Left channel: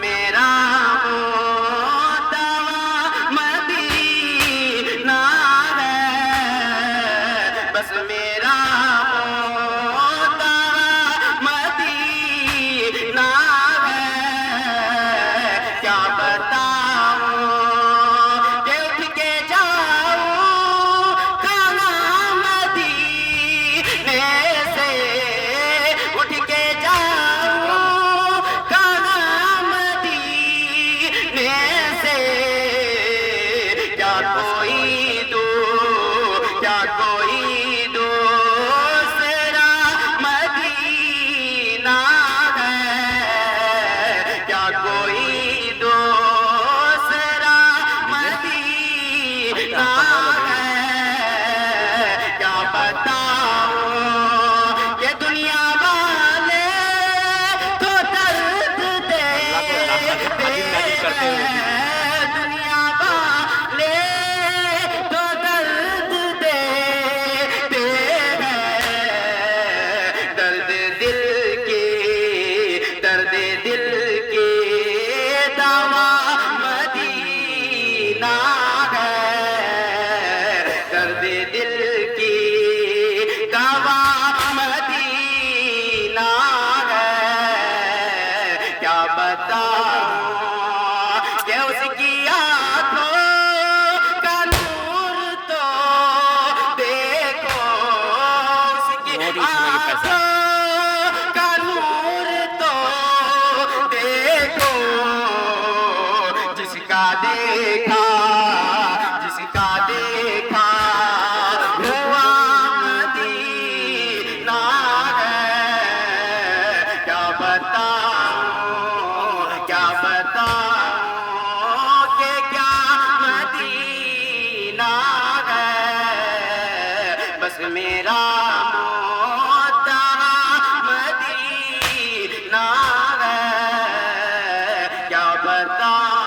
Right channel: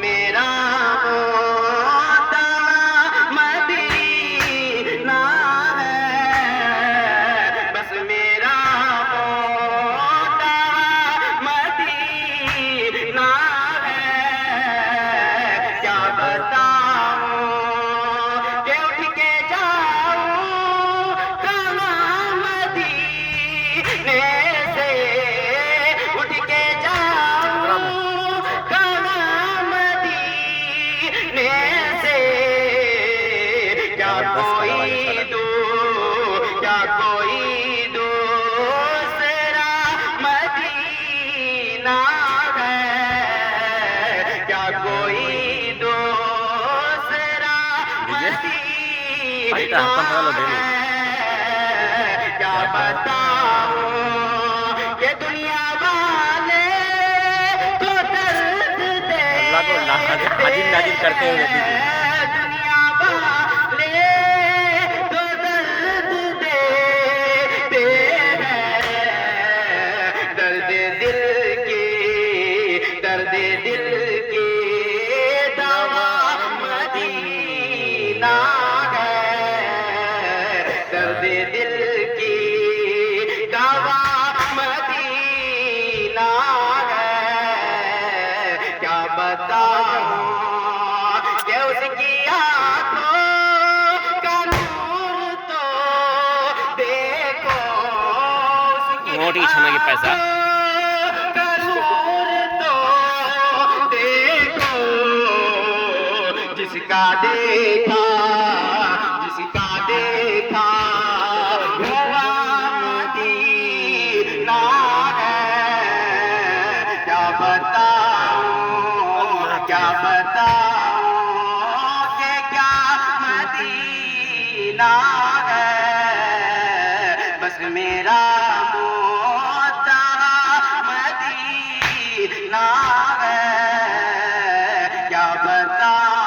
میرا ہوتا مدینہ ہے، بس میرا ہوتا مدینہ ہے، کیا بتاؤں کہ اٹھ کے جاؤں کہاں مدینے سے، اٹھ کے جاؤں کہاں مدینے سے، کیا کوئی کیا کوئی دوسرا مدینہ ہے، کیا کوئی دوسرا مدینہ ہے، کیا بتاؤں کہ دنیا والے تو درد دے نازل کرتے ہوئے دنیا والے تو درد دیتے ہیں، درد دل کی دوا مدینہ ہے، درد دل کی دوا مدینہ ہے، کیا بتاؤں کہ اس کی آنکھوں کا نور تو دیکھو، اس کی موٹی چھنا کی پیسہ آنکھوں کا نور تو دیکھو، جس کا دیکھا ہوا مدینہ ہے، کیا بتاؤں کہ کیا مدینہ ہے، بس میرا ہوتا مدینہ ہے، کیا بتاؤں